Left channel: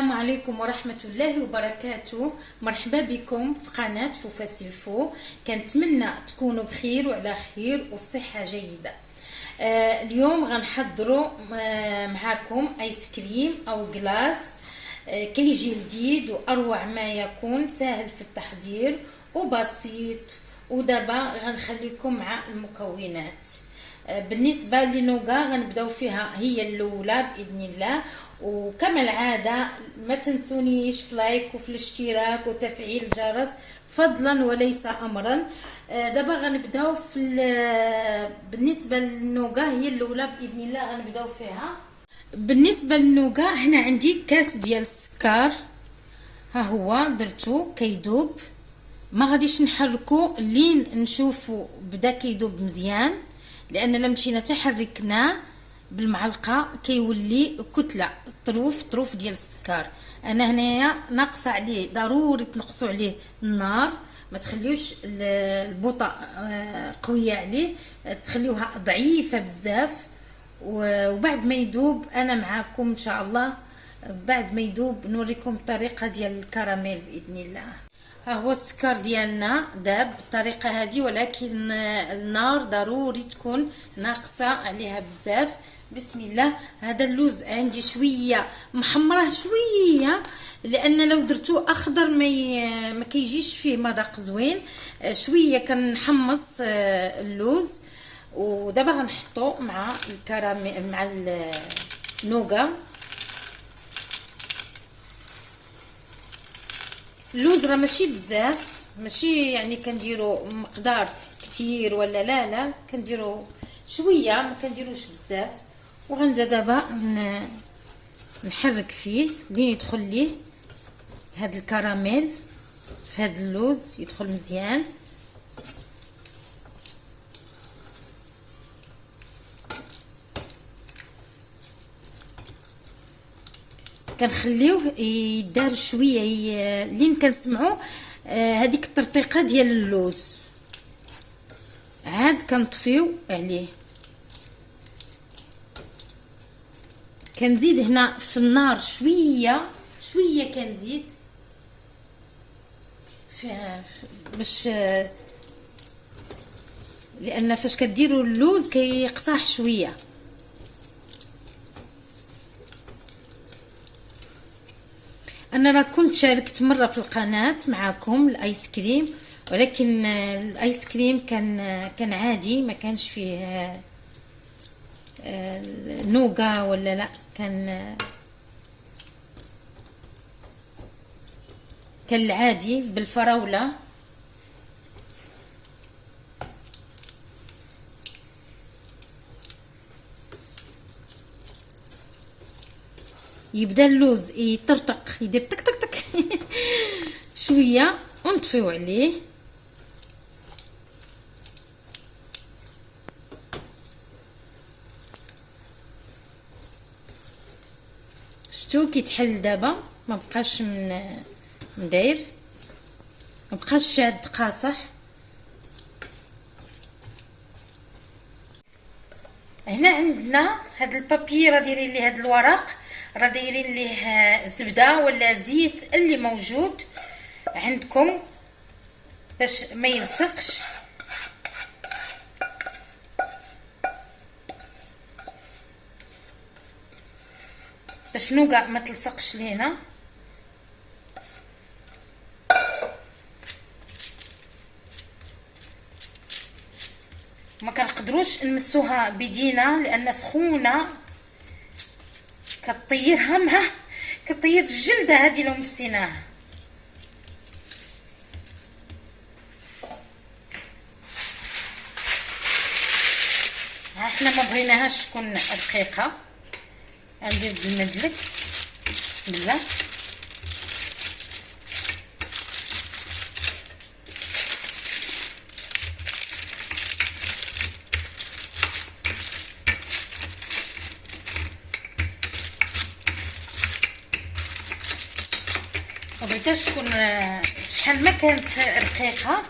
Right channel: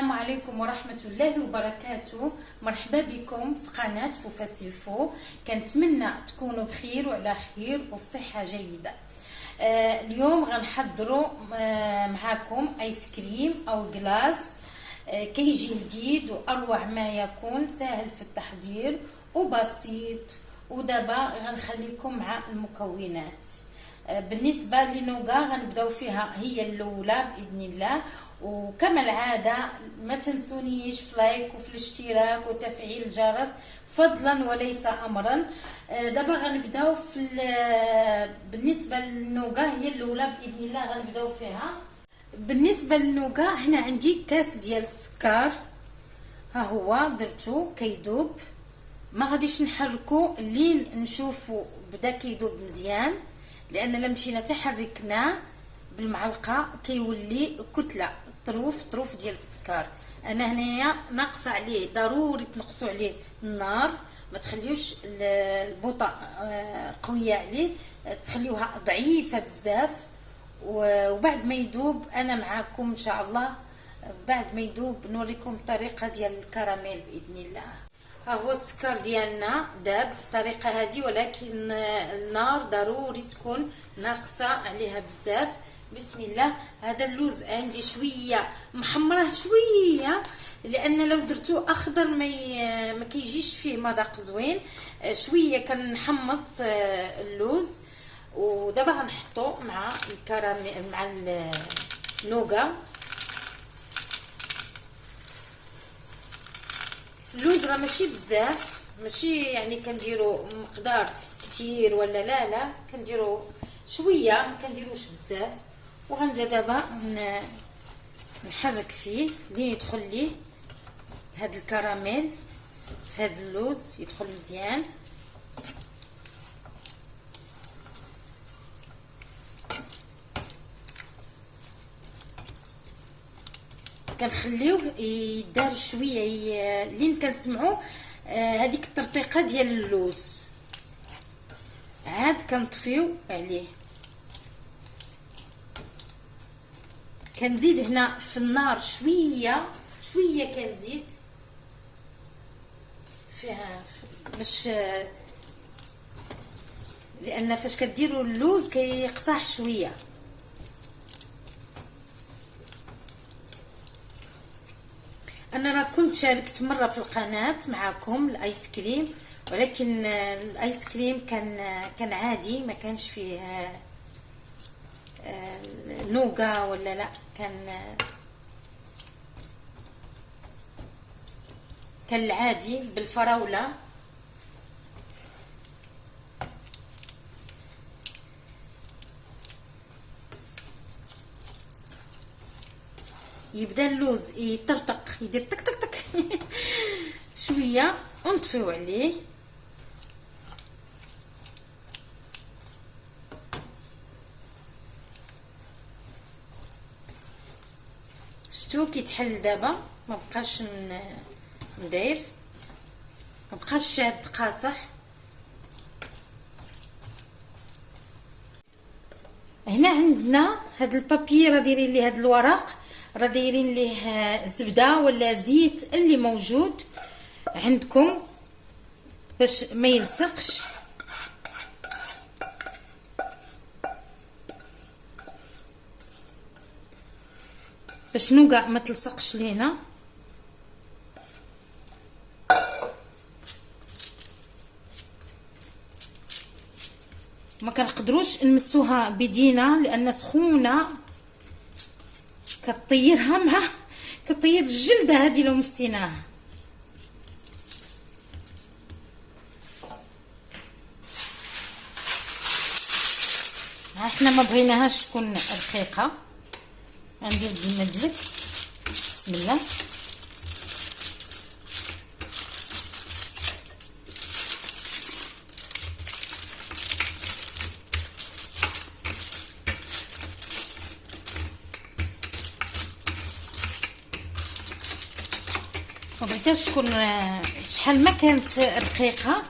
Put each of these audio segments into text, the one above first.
السلام عليكم ورحمة الله وبركاته. مرحبا بكم في قناة فوفا سيلفو. كنتمنى تكونوا بخير وعلى خير وفي صحة جيدة. اليوم غنحضروا معكم ايس كريم او كلاص. كيجي لذيذ واروع ما يكون، سهل في التحضير وبسيط. ودابا غنخليكم مع المكونات. بالنسبه للنوغا غنبداو فيها هي الاولى باذن الله، وكما العاده ما تنسونيش في لايك وفي الاشتراك وتفعيل الجرس فضلا وليس امرا. دابا غنبداو في بالنسبه للنوغا هي الاولى باذن الله غنبداو فيها. بالنسبه للنوغا هنا عندي كاس ديال السكر، ها هو درتو كيدوب. ما غاديش نحركو لين نشوفو بدا كيدوب مزيان، لان لما مشينا تحركناه بالمعلقه كيولي كتله طروف ديال السكر. انا هنايا ناقصه عليه، ضروري تنقصوا عليه النار، ما تخليوش البوطه قويه عليه، تخليوها ضعيفه بزاف. وبعد ما يذوب انا معاكم ان شاء الله، بعد ما يذوب نوريكم الطريقه ديال الكراميل باذن الله. ها هو السكر ديالنا داب بالطريقه هذه، ولكن النار ضروري تكون ناقصه عليها بزاف. بسم الله. هذا اللوز عندي شويه محمره شويه، لان لو درتو اخضر ما كيجيش فيه مذاق زوين. شويه كنحمص اللوز. ودابا غنحطو مع الكراميل مع النوغا. اللوز راه ماشي بزاف، ماشي يعني كنديرو مقدار كتير ولا لا كنديرو شويه، ما كنديروش بزاف. وغنبدا دابا نحرك فيه لين يدخل ليه هاد الكراميل في هاد اللوز، يدخل مزيان. كنخليوه يدار شويه لين كنسمعوا هذيك الترطيقه ديال اللوز، عاد كنطفيو عليه. كنزيد هنا في النار شويه كنزيد فيها باش، لان فاش كديروا اللوز كيقصاح شويه. انا راه كنت شاركت مره في القناه معكم الايس كريم، ولكن الايس كريم كان عادي، ما كانش فيه نوغا ولا لا، كان العادي بالفراوله. يبدا اللوز يطرطق، يدير تك تك تك شويه ونطفيو عليه. شتو كيتحل دابا، ما بقاش مداير، ما بقاش شاد قاصح. هنا عندنا هاد البابي، راه دايرين ليه هاد الورق، راه دايرين ليه زبده ولا زيت اللي موجود عندكم باش ما يلصقش. باش نوغا ما تلصقش لينا. ما كنقدروش نمسوها بيدينا لان سخونه، كطيرها كطير الجلده هذه لو مسيناها. احنا ما بغيناهاش تكون رقيقه. غندير بالمدلك. بسم الله. مبغيتهاش تكون شحال ما كانت رقيقه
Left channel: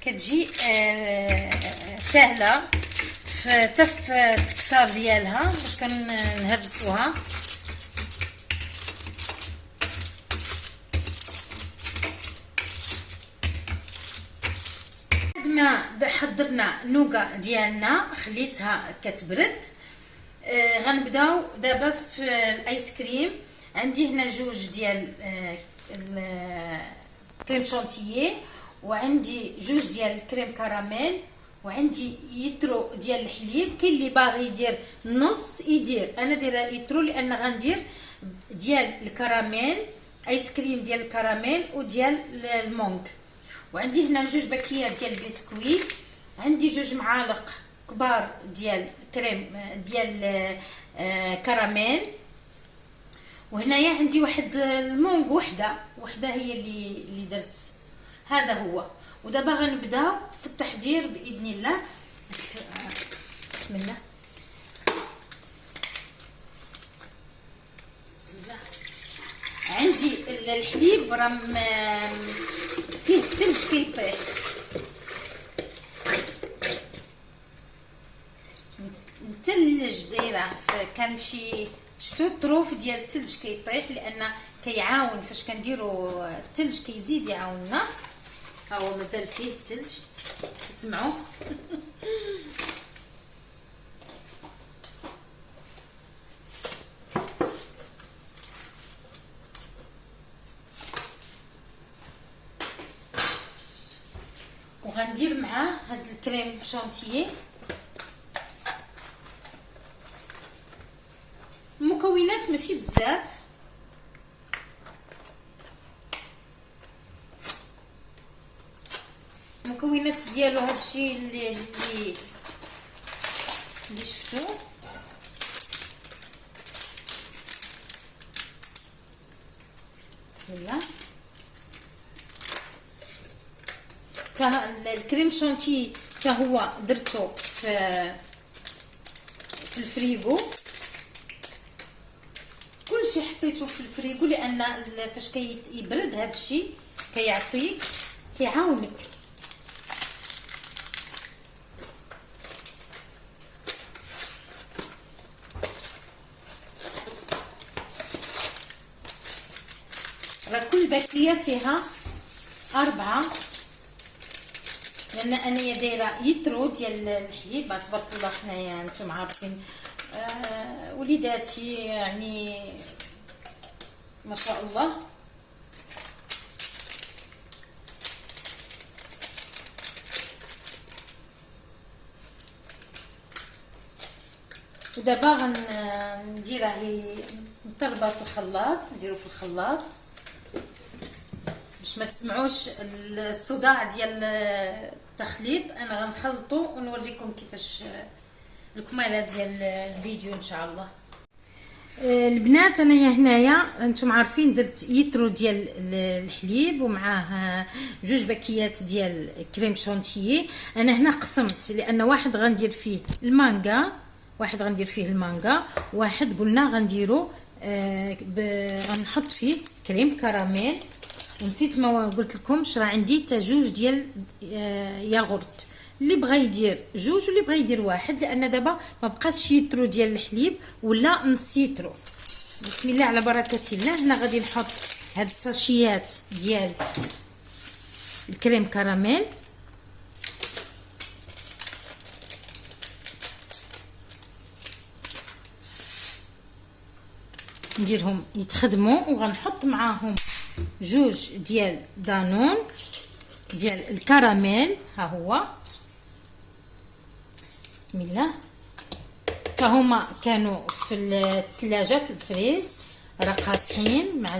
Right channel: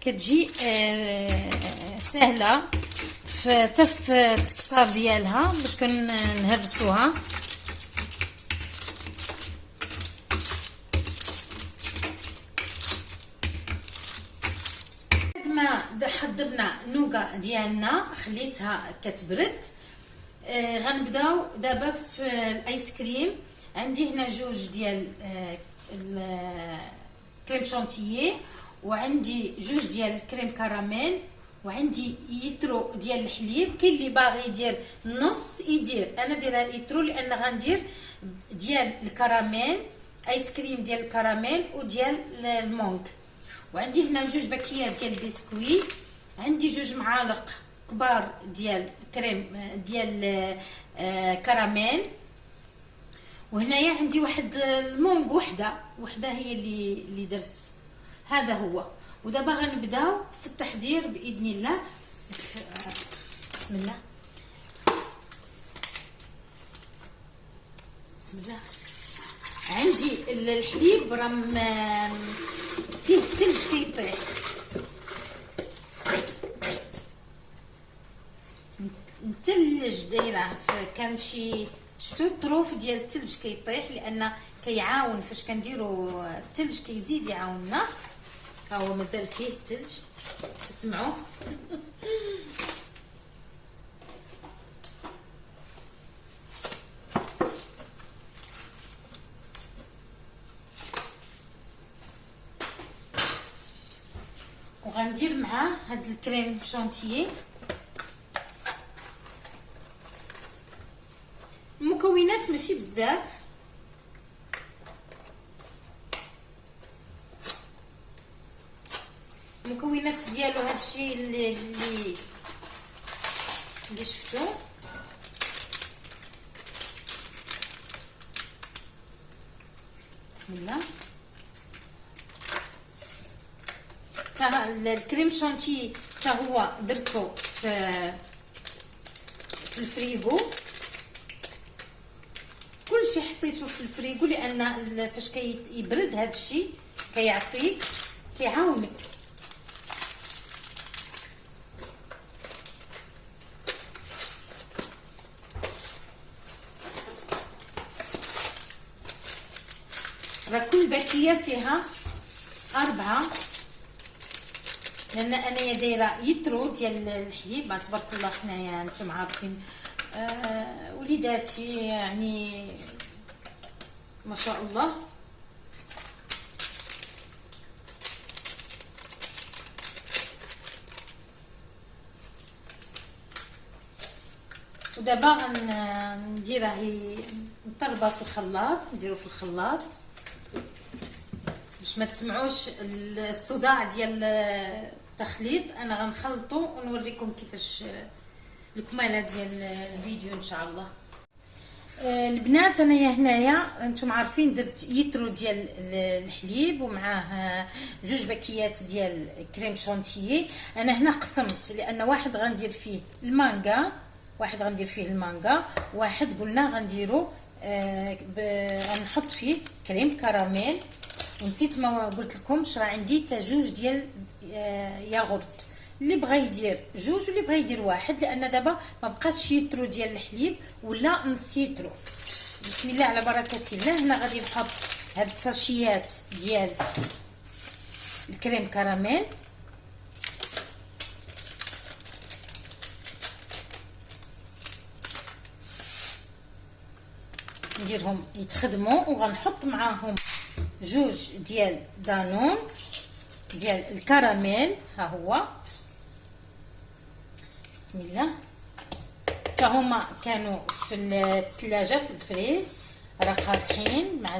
كتجي سهله حتى في التكسار ديالها باش كنهرسوها. ما حضرنا النوغا ديالنا خليتها كتبرد. غنبداو دابا في الايس كريم. عندي هنا جوج ديال الكريم شونتيي، وعندي جوج ديال الكريم كراميل، وعندي يترو ديال الحليب. كاين اللي باغي يدير نص يدير، انا دايره يترو لان غندير ديال الكراميل، ايس كريم ديال الكراميل وديال المونغ. وعندي هنا جوج باكيات ديال البسكويت، عندي جوج معالق كبار ديال كريم ديال كراميل، وهنايا عندي واحد المونغ وحده هي اللي درت. هذا هو. ودابا غنبداو في التحضير باذن الله. بسم الله. بسم الله. عندي الحليب راه فيه الثلج كيطيح، مثلج دايره. كان شي شفتو الطروف ديال الثلج كيطيح لان كيعاون فاش كنديروا الثلج كيزيد يعاوننا. ها هو مازال فيه الثلج، اسمعوا. وغندير معاه هاد الكريم شونتيي. المكونات ماشي بزاف، المكونات ديالو هادشي اللي شفتو. بسم الله. الكريم شونتي حتى هو درتو في الفريغو. كلشي حطيته في الفريغو لان فاش كيبرد هادشي كيعطيك كيعاونك. راه كل باكيه فيها 4، لان انايا دايره يترو ديال الحليب. تبارك الله حنايا انتم عارفين وليداتي يعني ما شاء الله. ودابا غنديرها نطربها في الخلاط، نديرو في الخلاط باش ما تسمعوش الصداع ديال التخليط. انا غنخلطو ونوريكم كيفاش الكماله ديال الفيديو ان شاء الله. البنات انايا هنايا انتم عارفين درت يترو ديال الحليب ومعاه جوج باكيات ديال كريم شونتيي. انا هنا قسمت لان واحد غندير فيه المانغا، واحد قلنا غنديرو غنحط فيه كريم كراميل. ونسيت ما قلت لكمش راه عندي حتى جوج ديال ياغورت، اللي بغى يدير جوج واللي بغى يدير واحد، لان دابا ما بقاش يترو ديال الحليب ولا نص يترو. بسم الله على بركه الله. هنا غادي نحط هاد الساشيات ديال الكريم كراميل. نديرهم يتخدموا، وغنحط معاهم جوج ديال دانون ديال الكراميل. ها هو. بسم الله. حتى هما كانوا في الثلاجه في الفريز راه قاصحين مع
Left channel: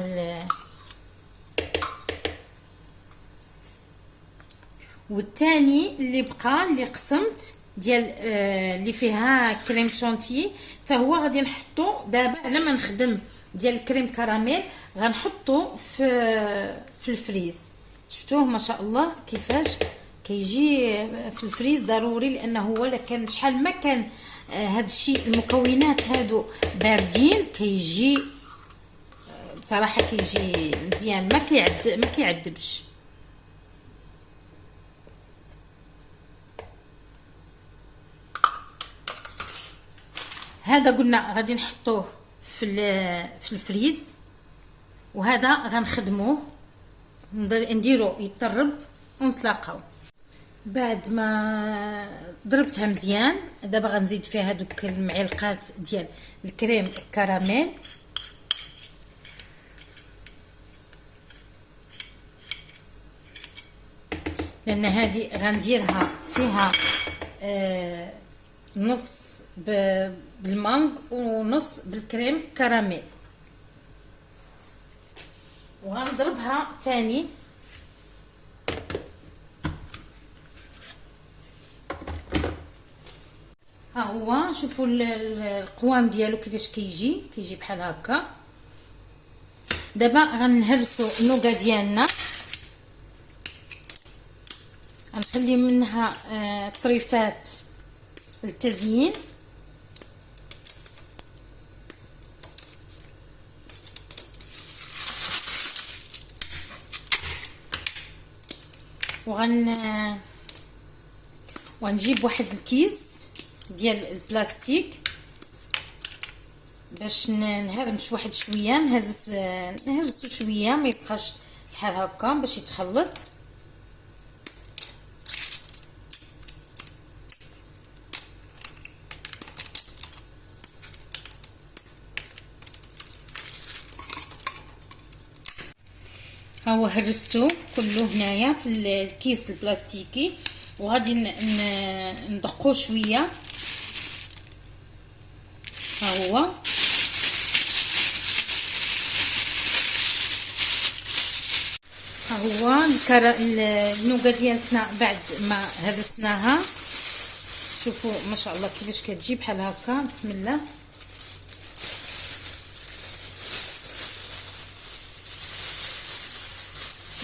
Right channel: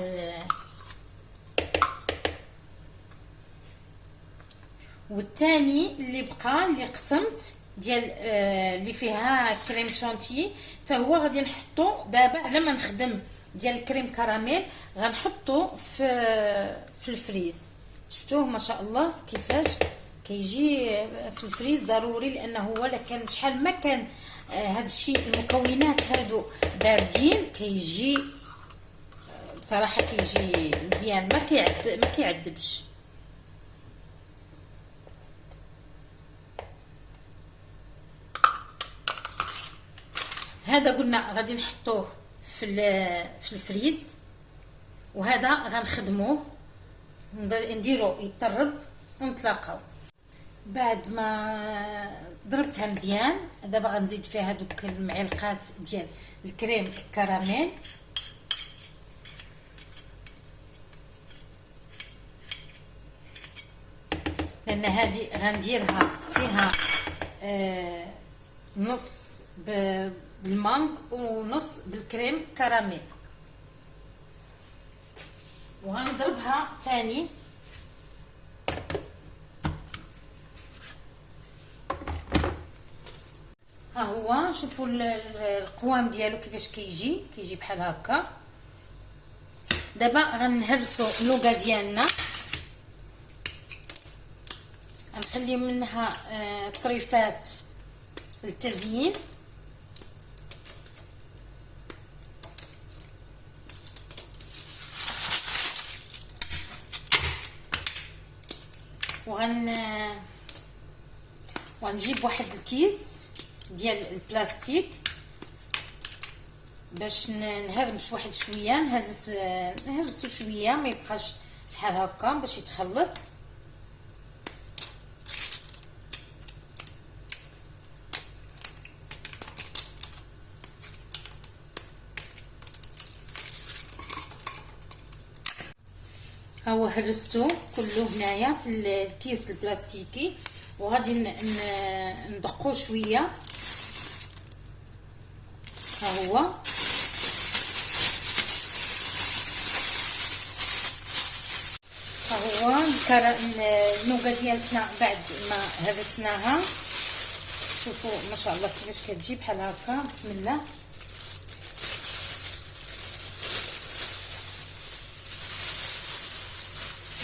والثاني اللي بقى اللي قسمت ديال اللي فيها كريم شونتي حتى هو غادي نحطو دابا على ما نخدم ديال الكريم كراميل. غنحطو في الفريز. شفتوه ما شاء الله كيفاش كيجي في الفريز ضروري، لانه هو لا كان شحال ما كان هاد الشيء المكونات هادو باردين كيجي بصراحه كيجي مزيان، ما كيعذبش. هذا قلنا غادي نحطوه في الفريز، وهذا غنخدموه نديرو يطرب ونتلاقاو. بعد ما ضربتها مزيان دابا غنزيد فيها هذوك المعلقات ديال الكريم كراميل، لان هذه غنديرها فيها نص بالمانغ ونص بالكريم كراميل، وغنضربها تاني. ها هو شوفوا القوام ديالو كيفاش كيجي بحال هكا. دابا غنهرسوا النوغا ديالنا، غنخلي منها طريفات للتزيين. وغنجيب واحد الكيس ديال البلاستيك باش نهرمش واحد شويه، نهرسو شويه ما يبقاش بحال هكا باش يتخلط. ها هو هرستو كله هنايا في الكيس البلاستيكي، وغادي ندقو شويه. ها هو النوغا ديالتنا بعد ما هرسناها، شوفوا ما شاء الله كيفاش كتجي بحال هكا. بسم الله.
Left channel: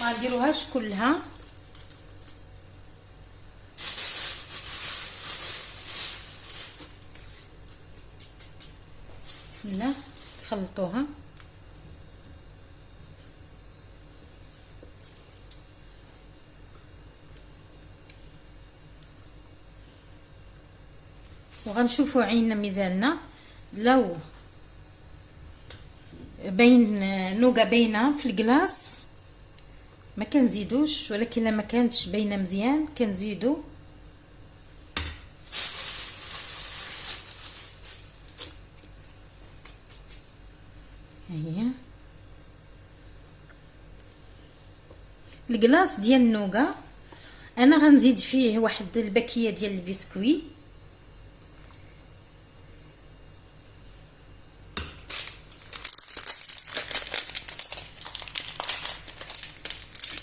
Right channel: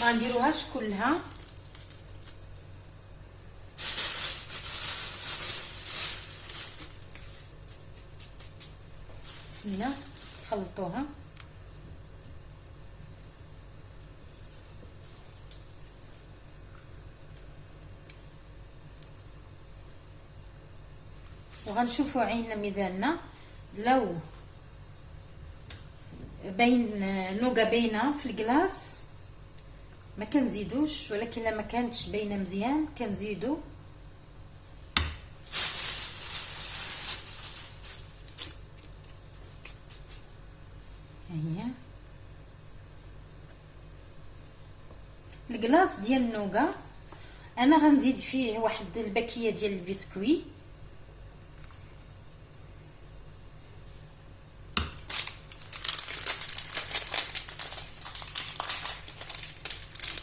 غنديروهاش كلها، بسم الله. خلطوها. وغنشوفوا عيننا ميزاننا، لو بين نوغا باينه في الكلاص ما كنزيدوش، ولكن لما كانتش باينه مزيان كنزيدو. هي الكلاص ديال النوغا انا غنزيد فيه واحد الباكيه ديال البسكوي،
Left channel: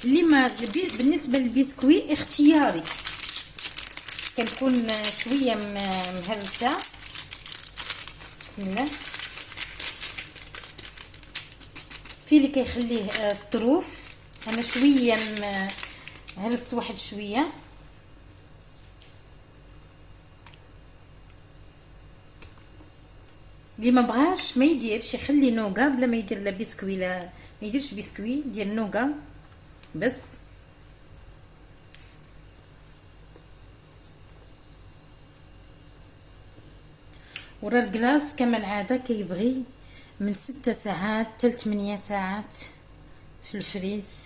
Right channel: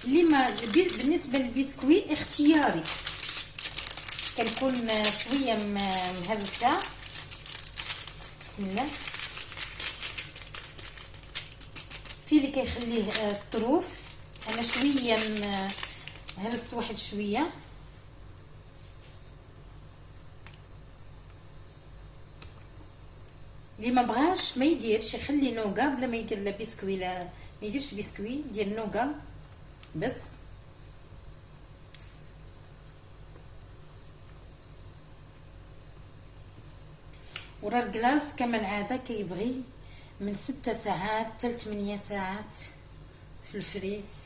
اللي ما بالنسبه للبسكوي اختياري، كتكون شويه مهرسه. بسم الله. في اللي كيخليه الطروف، انا شويه هرست واحد شويه. اللي ما بغاش ما يديرش، يخلي نوغا بلا ما يدير لا بسكوي، لا ما يديرش بسكوي ديال نوغا بس. ورا الكلاص كما العاده كيبغي من 6 ساعات حتى 8 ساعات في الفريز.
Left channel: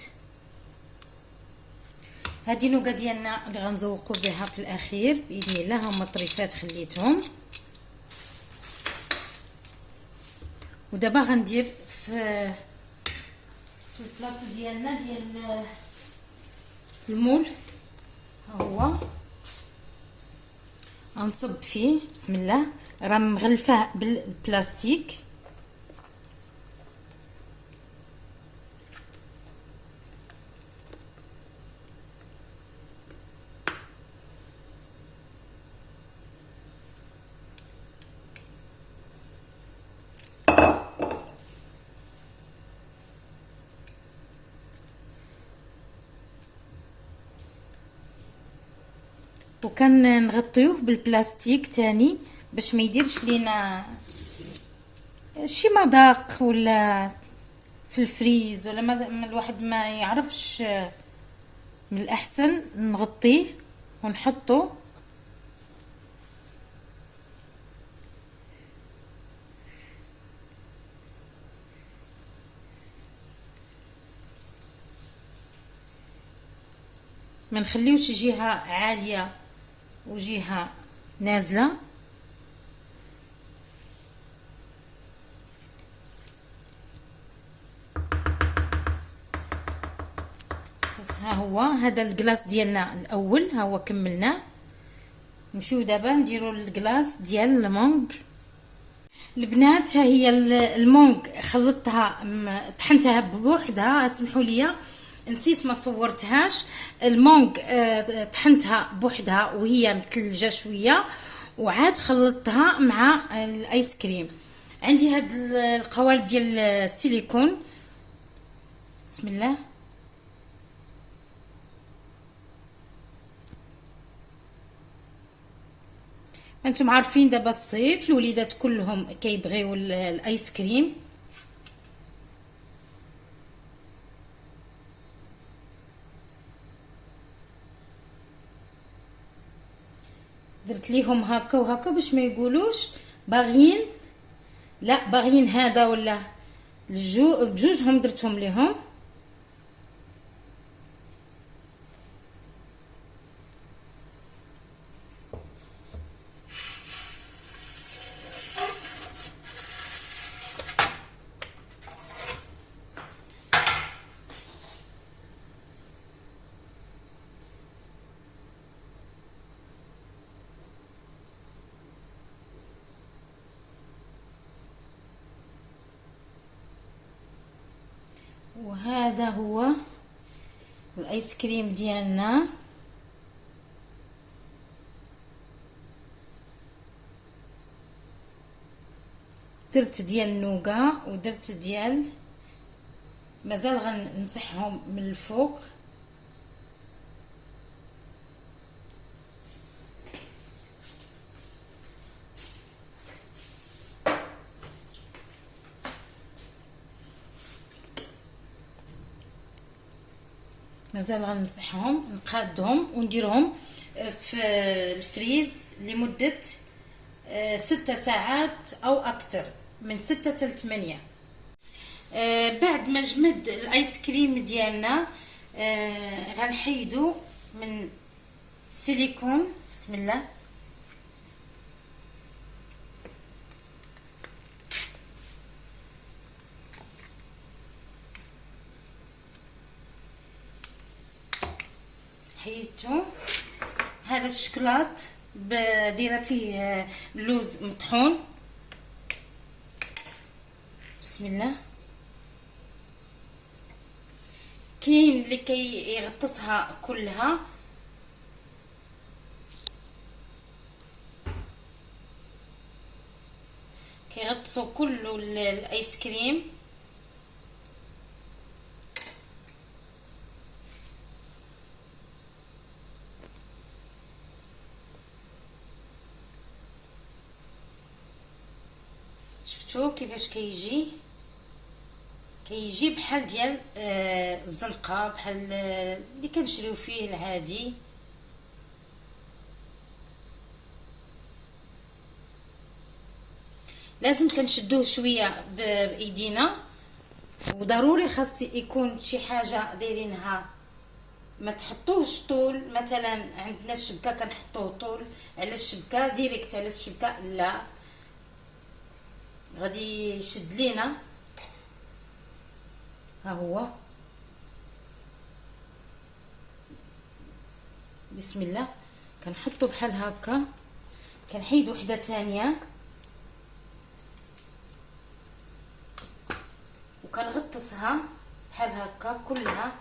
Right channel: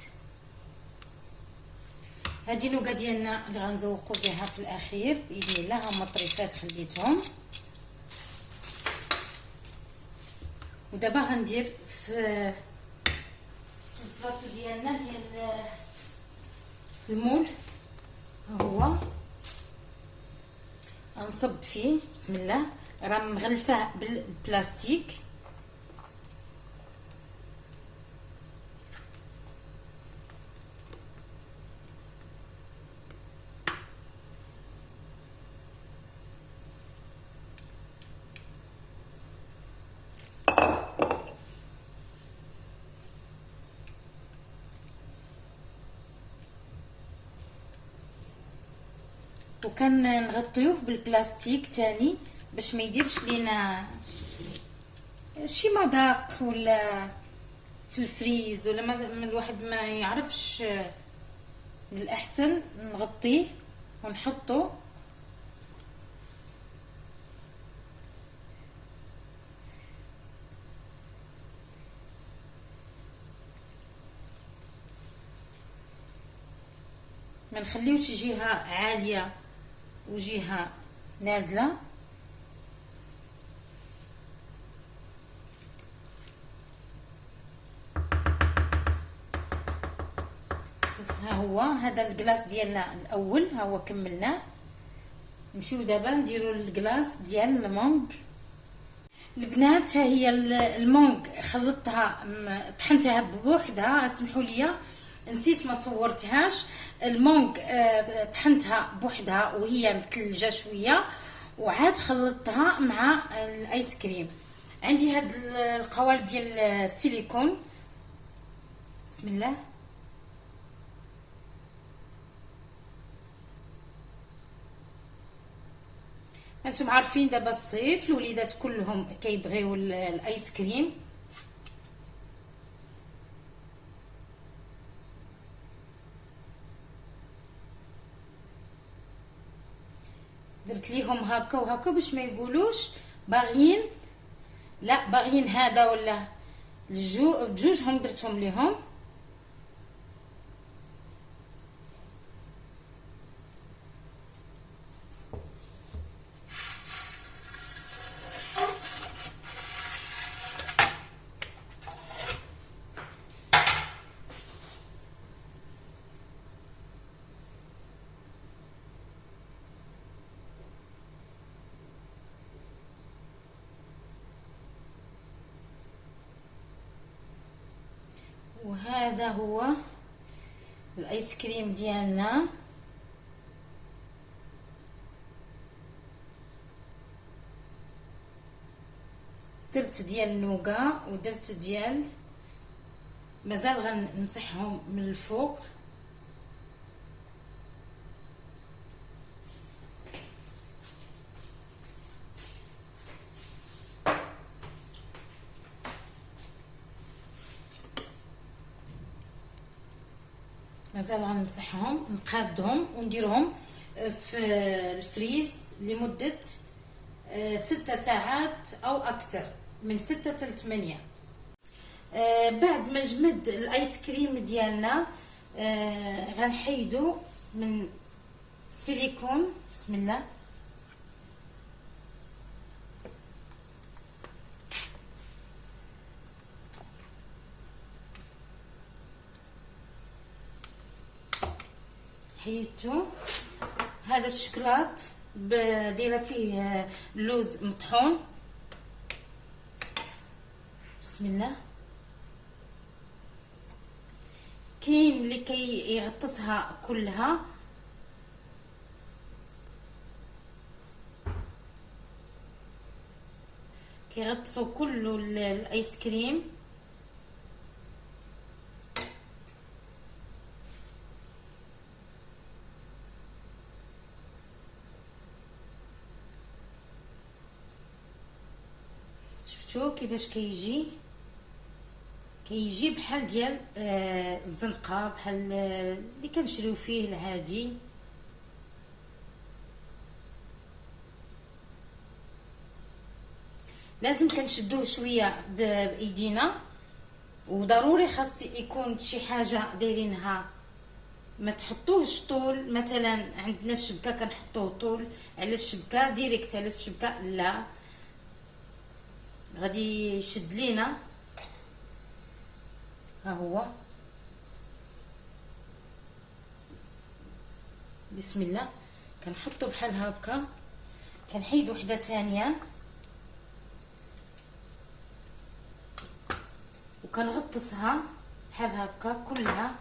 هذه نوغا ديالنا اللي غنزوقوا بها في الاخير باذن الله. هما الطريفات خليتهم، ودابا غندير في البلاطو ديالنا ديال المول. ها هو غنصب فيه. بسم الله. راه مغلفاه بالبلاستيك. وكان نغطيوه بالبلاستيك تاني باش ما يديرش لينا شي مذاق ولا في الفريز، ولا ما الواحد ما يعرفش. من الاحسن نغطيه ونحطه ما نخليوش جهه عاليه وجهه نازله. ها هو هذا الكلاص ديالنا الاول، ها هو كملناه. نمشيو دابا نديرو الكلاص ديال المونغ. البنات ها هي المونغ خلطتها طحنتها بوحدها، سمحوا لي نسيت ما صورتهاش. المونغ طحنتها بوحدها وهي متلجه شويه، وعاد خلطتها مع الايس كريم. عندي هاد القوالب ديال السيليكون. بسم الله. انتم عارفين دابا الصيف الوليدات كلهم كيبغيو الايس كريم. درت ليهم هكا وهكا باش ما يقولوش باغيين، لا باغيين هذا ولا بجوجهم درتهم ليهم. وهذا هو الايس كريم ديالنا. درت ديال النوغا ودرت ديال، مازال غنمسحهم من الفوق. مازال غنمسحهم نقادهم ونديرهم في الفريز لمدة 6 ساعات او اكثر، من 6 حتى 8. بعد ما جمد الايس كريم ديالنا غنحيدو من السيليكون. بسم الله. حيدتو. هذا الشكلاط دايره فيه لوز مطحون. بسم الله. كاين اللي كيغطسها كلها، كيغطسوا كله الايس كريم. شفتوا كيفاش كيجي بحال ديال الزنقه، بحال اللي كنشريو فيه العادي. لازم كنشدوه شويه بايدينا، وضروري خاص يكون شي حاجه دايرينها، ما تحطوش طول. مثلا عندنا الشبكه كنحطوه طول على الشبكه ديريكت على الشبكه، لا غادي يشد لينا. ها هو. بسم الله. كنحطو بحال هكا، كنحيد وحده ثانيه وكنغطسها بحال هكا كلها.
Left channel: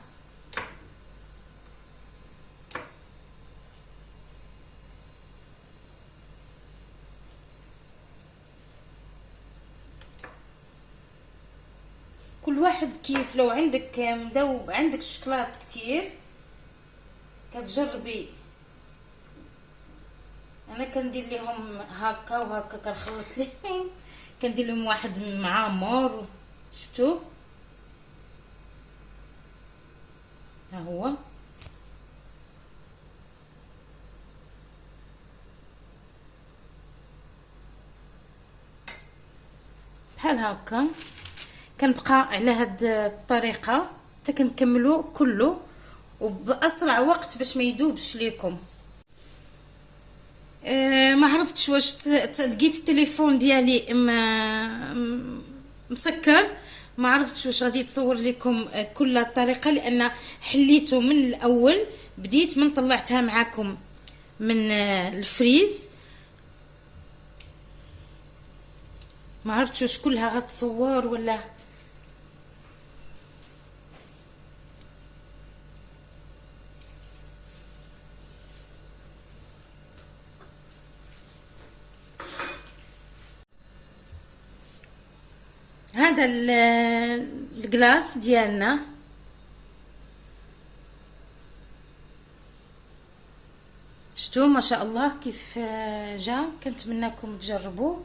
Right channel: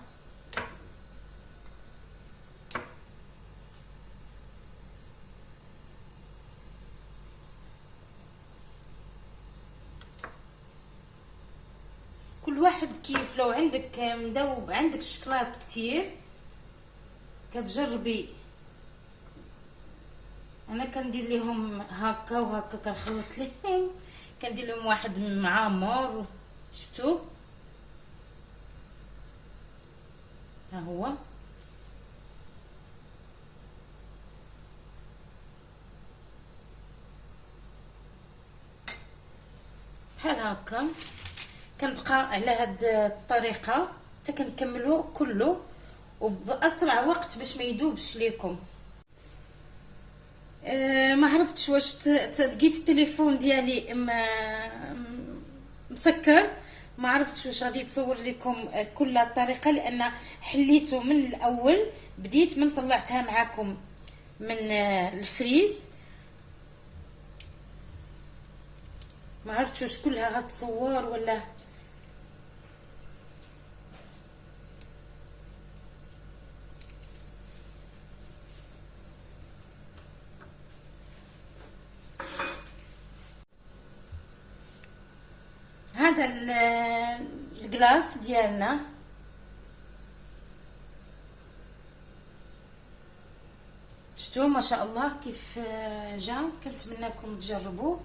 كل واحد كيف، لو عندك مذوب، عندك الشكلاط كتير كتجربي. انا كندير لهم هكا وهكا، كنخلط لهم، كندير لهم واحد معمر. شفتوا؟ ها هو. بحال هكا كنبقى على هاد الطريقه حتى كنكملو كله، وباسرع وقت باش ما يذوبش ليكم. ما عرفتش واش لقيت التليفون ديالي مسكر، ما عرفتش واش غادي تصور لكم كل الطريقه، لان حليته من الاول، بديت من طلعتها معكم من الفريز. ما عرفتش واش كلها غتصور ولا. هذا الكلاس ديالنا شتو ما شاء الله كيف جا، كنتمنىكم تجربوه.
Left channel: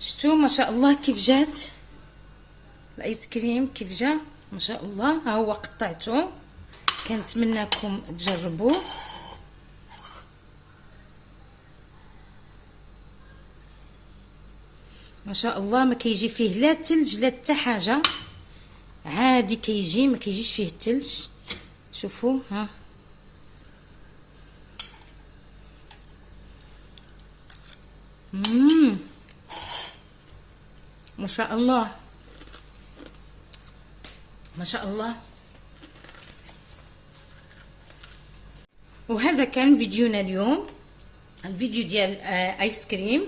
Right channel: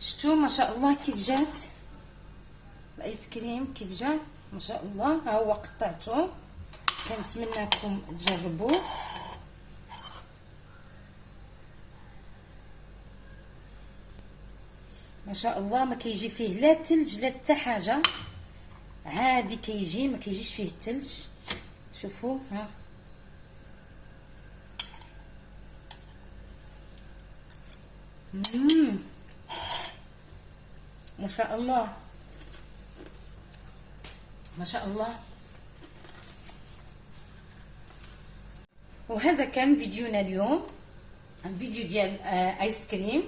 شتو ما شاء الله كيف جات الايس كريم، كيف جا ما شاء الله. ها هو قطعته، كنتمنىكم تجربوه. ما شاء الله ما كيجي فيه لا تلج لا حتى حاجه، عادي كيجي، ما كيجيش فيه التلج. شوفوا ها ما شاء الله ما شاء الله. وهذا كان فيديونا اليوم، الفيديو ديال ايس كريم.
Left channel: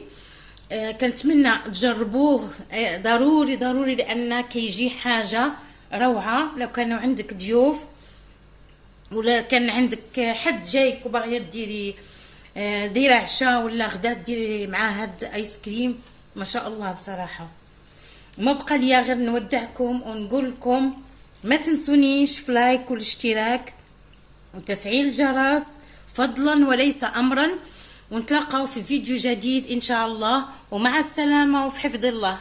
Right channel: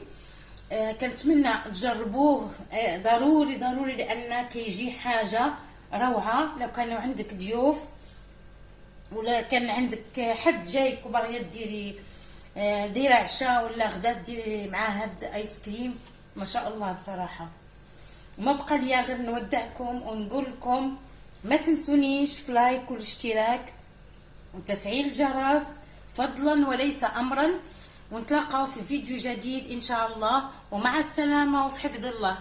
كنتمنى تجربوه ضروري ضروري، لان كيجي حاجه روعه. لو كانوا عندك ضيوف ولا كان عندك حد جايك وباغيه ديري عشاء ولا غدا ديري معاه هاد ايس كريم، ما شاء الله بصراحه. ما بقى ليا غير نودعكم ونقول لكم ما تنسونيش في لايك والاشتراك وتفعيل الجرس فضلا وليس امرا، ونتلاقاو في فيديو جديد ان شاء الله، ومع السلامه وفي حفظ الله.